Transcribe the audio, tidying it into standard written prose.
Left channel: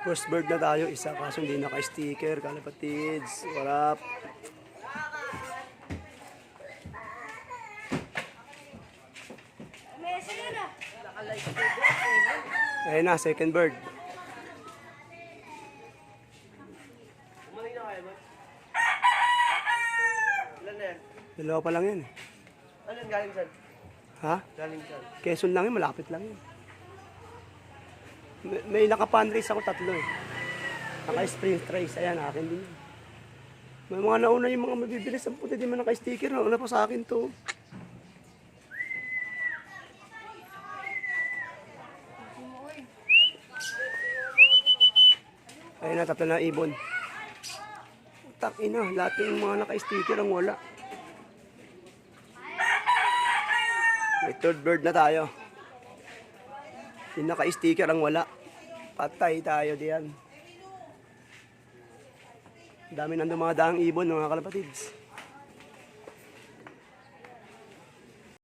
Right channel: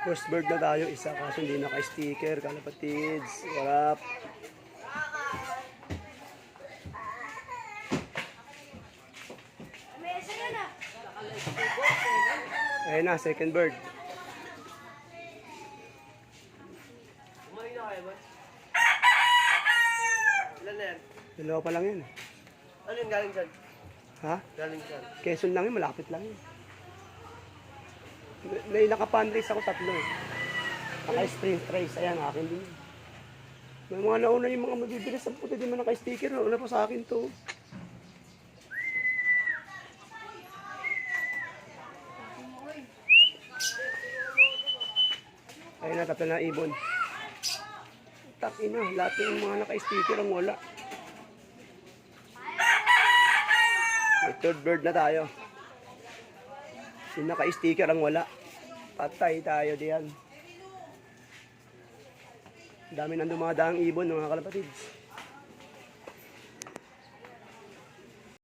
First bird na tayo, isa kaso hindi naka-sticker, kalapatids. Warap. Ayun na, second bird. Umali na kayo ba? Ilan na yan? Dalawa pa lang yun. Ano yun galing saan? Ha? Galing saan? Quezon lang yun, malapit lang yun. May naka-fundraise ako tatlo. Naka-sprint race, ayan, akin din yun. May mga nauna yung mga mabibilis ang puti, di man naka-sticker. Nauna pa sa akin to. Ayun na, tatlo na ibon. Takina, lahat yung mga naka-sticker ang wala. May third bird na tayo. Yung naka-sticker ang wala. Patay tayo diyan. Dami nang dumadaang ibon mga kalapatids.